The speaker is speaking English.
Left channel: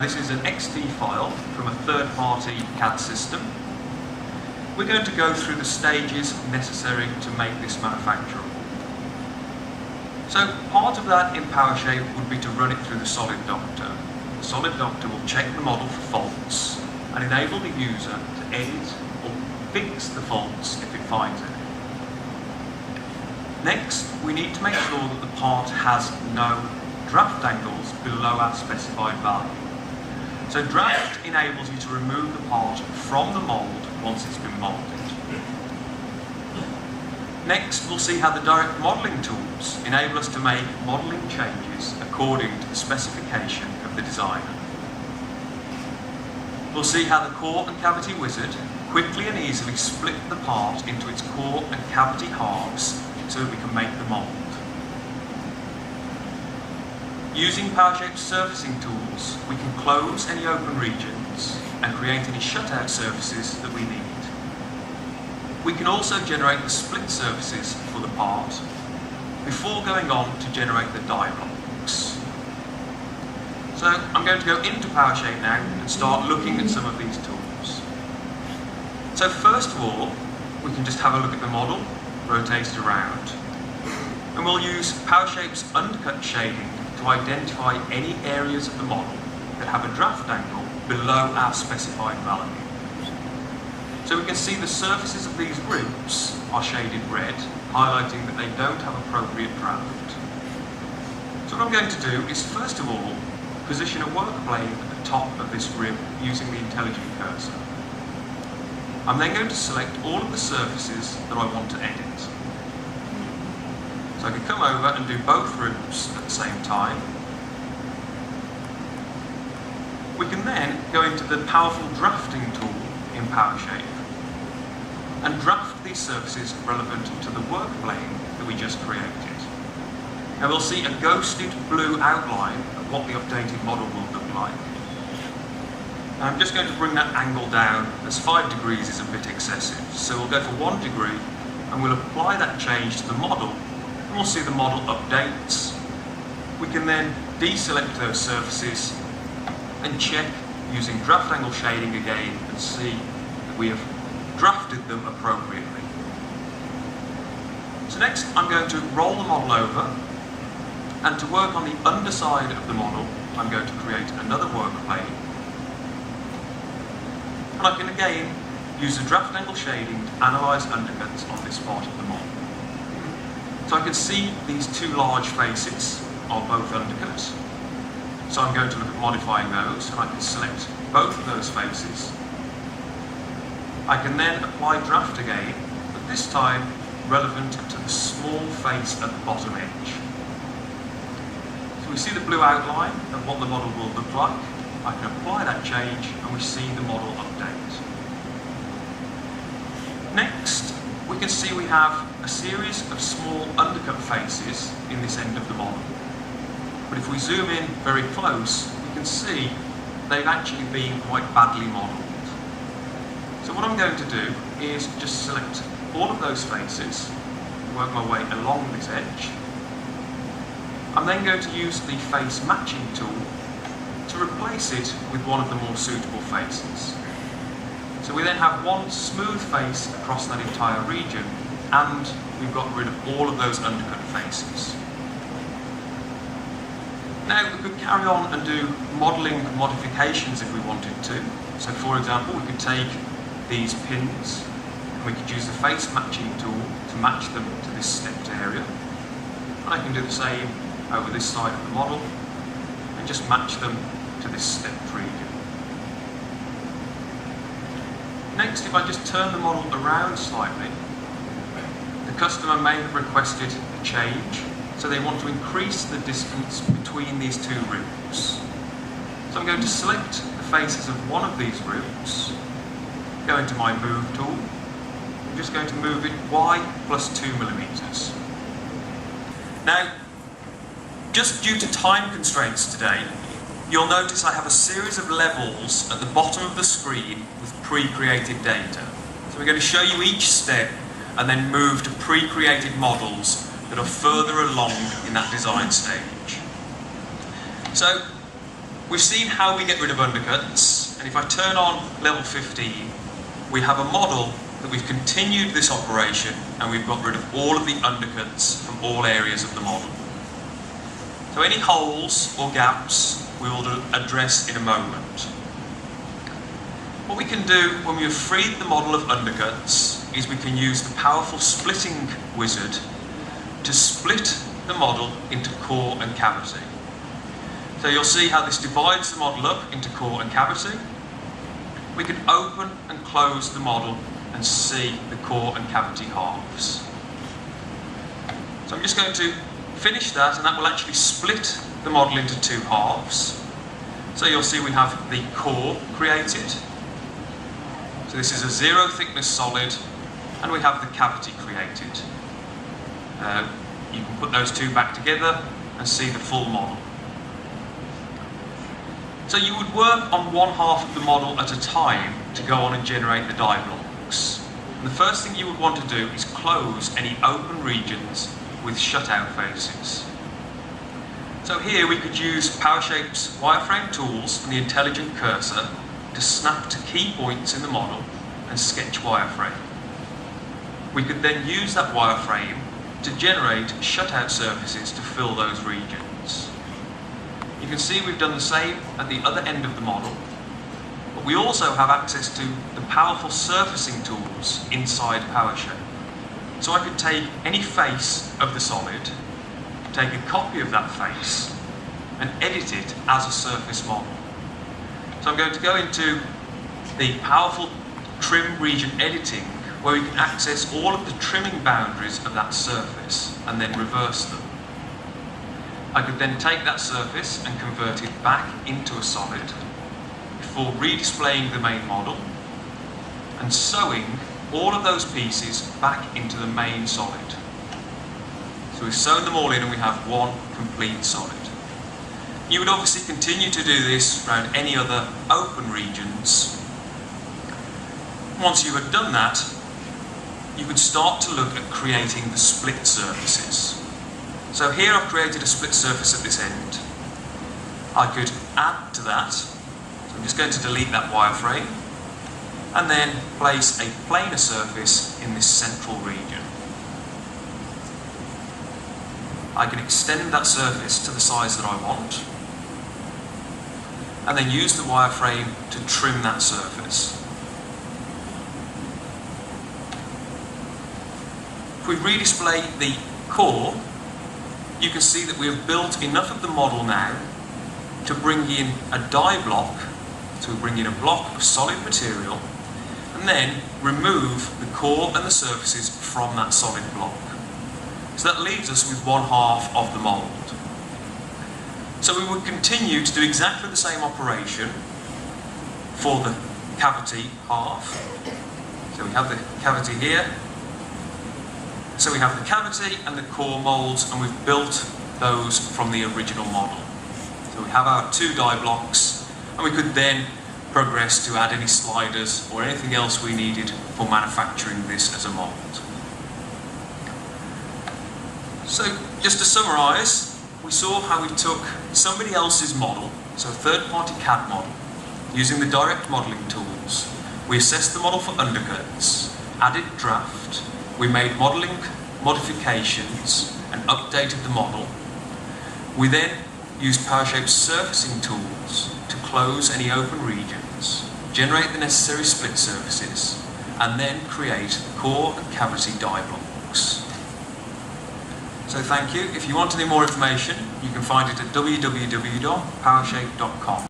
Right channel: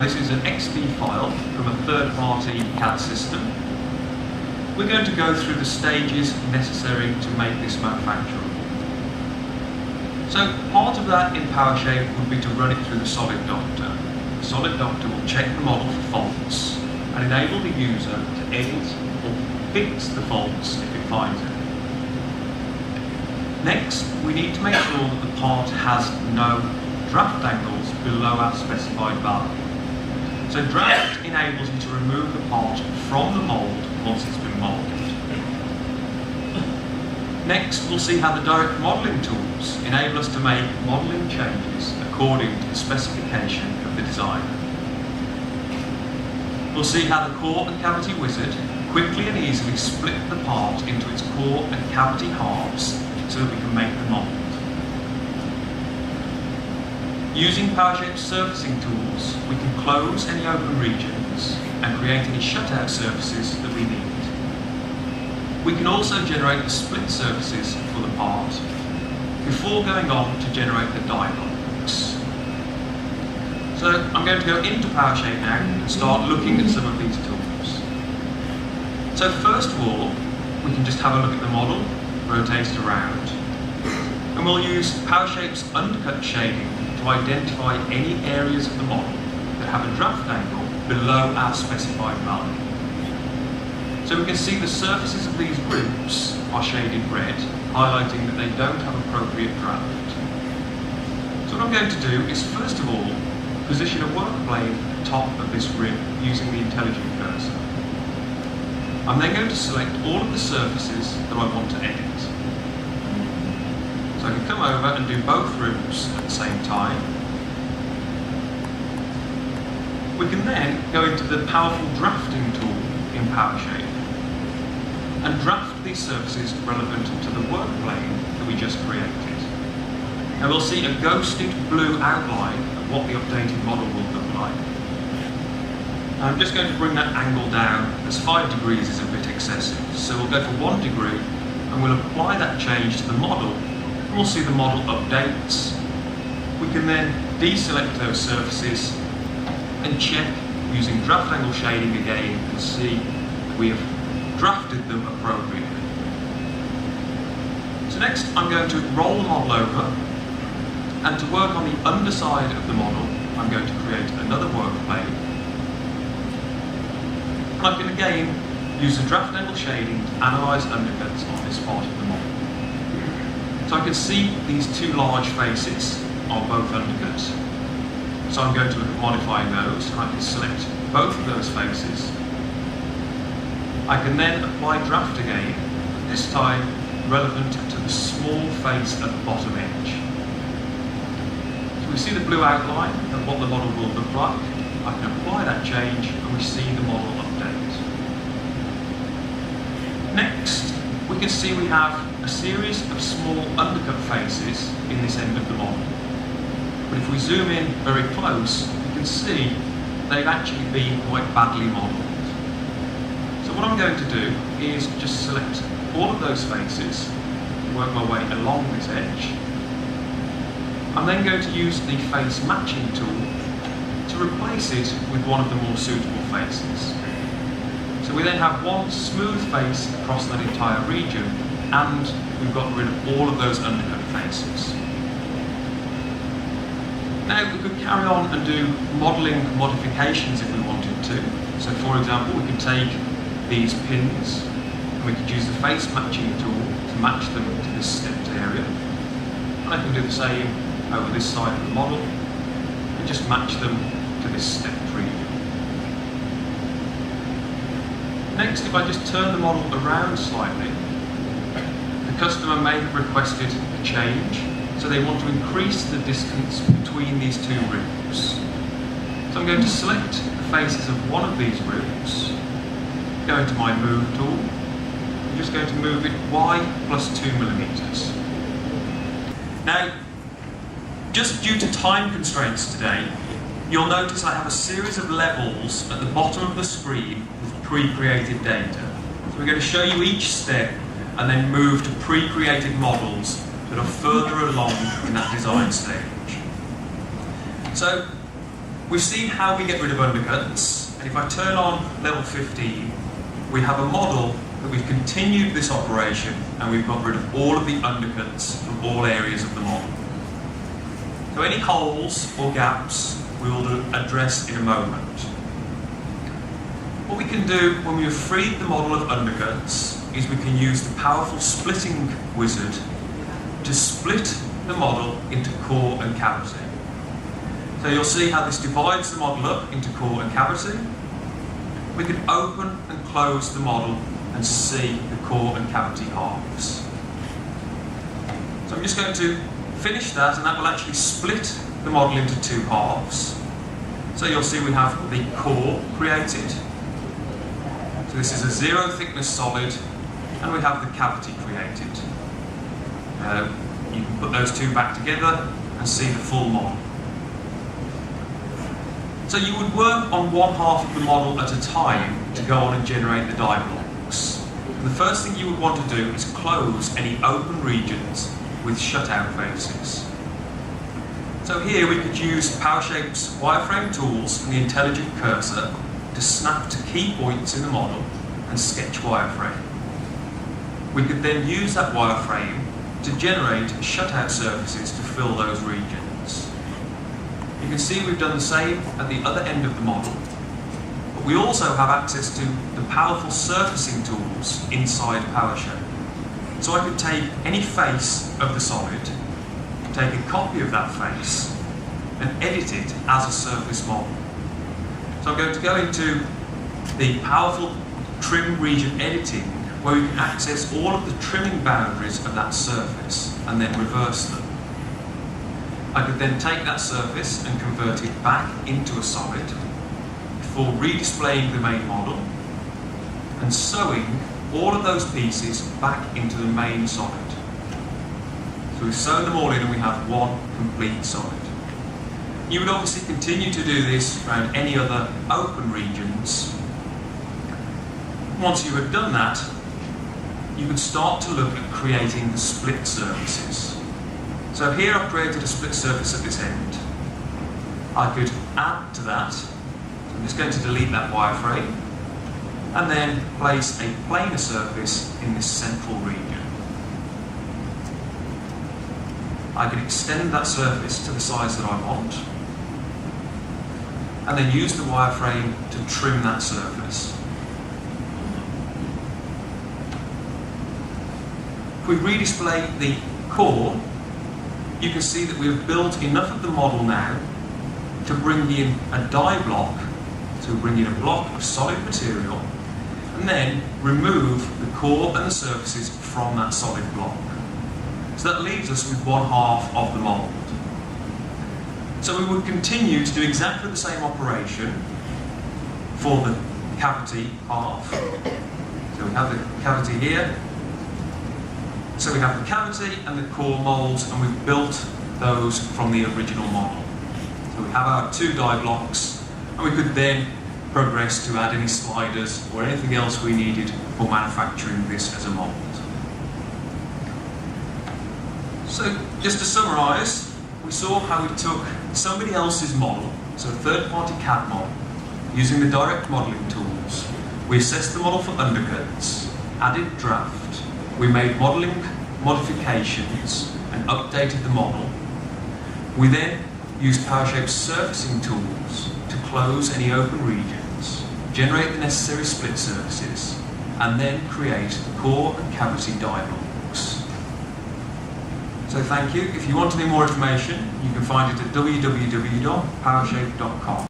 This is an XD file from a third-party CAD system. We're going to go through the stages necessary to make this manufacturable. So part of that in PowerSHAPE would be to run it through the Solid Doctor. The Solid Doctor will check the model for faults and enable the user to edit or fix the faults if it finds it. Next, we need to make sure that the part has no draft angles below our specified value. So draft enables you to remove the part from the mould once it's been moulded. Next, we'll see how the direct modelling tools enable us to make modelling changes according to the specification of the designer. We'll see how the core and cavity wizard quickly and easily split the part into its core and cavity halves so that we can make the mould. Using PowerSHAPE surfacing tools, we can close any open regions and create any shutout surfaces that we need. We can also generate the split surfaces for the part before going on to generate the die blocks. So I'm going to go into PowerSHAPE now and start looking at some of these tools. So first of all, we can just have a look at the model, rotate it around, and we'll use PowerSHAPE's undercut shading to identify any areas of the model that have a draft angle below our specified value. So we can see the surfaces of these groups are shaded red, highlighting that they don't have appropriate draft. So what I'm going to do is first of all position a work plane at the top of this rib using the intelligent cursor. I'm then going to select all of the surfaces that I want to edit. So I can come over and do both ribs at the same time. We can then go into the powerful drafting tool in PowerSHAPE and draft these surfaces relevant to the work plane that we just created. And we'll see a ghosted blue outline of what the updated model will look like. I'm just going to bring that angle down, as 5 degrees is a bit excessive. So we'll go for 1 degree and we'll apply that change to the model. We'll see the model updates. We can then deselect those surfaces and check using draft angle shading again and see that we have drafted them appropriately. So next I'm going to roll the model over, and to work on the underside of the model I'm going to create another work plane. And I can again use the draft angle shading to analyse undercuts on this part of the model. So I can see these two large faces are both undercuts. So I'm going to look at modifying those, and I can select both of those faces. I can then apply draft again, but this time relevant to the small face at the bottom edge. So we see the blue outline of what the model will look like. I can apply that change and we see the model update. Next, we can see we have a series of small undercut faces in this end of the model. But if we zoom in very close, you can see they've actually been quite badly modelled. So what I'm going to do is just select all of those faces, work my way along this edge. I'm then going to use the face matching tool to replace it with one of the more suitable faces. So we then have one smooth face across that entire region, and we've got rid of all of those undercut faces. Now we could carry on and do modelling modifications if we wanted to. So for example, we could take these pins and we could use the face matching tool to match them to this stepped area. And I can do the same over this side of the model and just match them to this stepped region. Next, if I just turn the model around slightly, the customer may have requested a change, so they want to increase the distance between these two ribs. So I'm going to select the faces of one of these ribs, go into my move tool, I'm just going to move it Y plus 2 millimeters. Now, just due to time constraints today, you'll notice I have a series of levels at the bottom of the screen with pre-created data. So we're going to show you each step and then move to pre-created models that are further along in that design stage. So We've seen how we get rid of undercuts, and if I turn on level 15, we have a model that we've continued this operation and we've got rid of all of the undercuts from all areas of the model. So any holes or gaps we will address in a moment. What we can do when we have freed the model of undercuts is we can use the powerful splitting wizard to split the model into core and cavity. So you'll see how this divides the model up into core and cavity. We can open and close the model and see the core and cavity halves. So I'm just going to finish that, and that will actually split the model into two halves. So you'll see we have the core created. So this is a 0 thickness solid, and we have the cavity created. You can put those two back together and see the full model. So you would work on one half of the model at a time to go on and generate the die blocks. And the first thing you would want to do is close any open regions with shutout faces. So here we could use PowerSHAPE's wireframe tools and the intelligent cursor to snap to key points in the model and sketch wireframe. We could then use that wireframe to generate shutout surfaces to fill those regions. You can see we've done the same at the other end of the model, but we also have access to the powerful surfacing tools inside PowerSHAPE. So I could take any face of the solid, take a copy of that face, and edit it as a surface model. So I'm going to go into the powerful trim region editing, where we can access all of the trimming boundaries of that surface and then reverse them. I could then take that surface and convert it back into a solid before redisplaying the main model and sewing all of those pieces back into the main solid. So we've sewn them all in and we have one complete solid. You would obviously continue to do this around any other open regions. Once you had done that, you could start to look at creating the split surfaces. So here I've created a split surface at this end. I could add to that. So I'm just going to delete that wireframe and then place a planar surface in this central region. I can extend that surface to the size that I want and then use the wireframe to trim that surface. If we redisplay the core, you can see that we have built enough of the model now to bring in a die block, so we bring in a block of solid material, and then remove the core and the surfaces from that solid block. So that leaves us with one half of the mould. So we would continue to do exactly the same operation for the cavity half. So we have the cavity here. So we have the cavity and the core moulds, and we've built those from the original model. So we have our two die blocks, and we could then progress to add any sliders or anything else we needed for manufacturing this as a mould. So just to summarise, we saw how we took somebody else's model, so a third-party CAD model, using the direct modelling tools. We assessed the model for undercuts, added draft, we made modelling modifications and updated the model. We then used PowerSHAPE's surfacing tools to close any open regions, generate the necessary split surfaces, and then create the core and cavity die blocks. So thank you. If you want any more information, you can find it at www.powershape.com.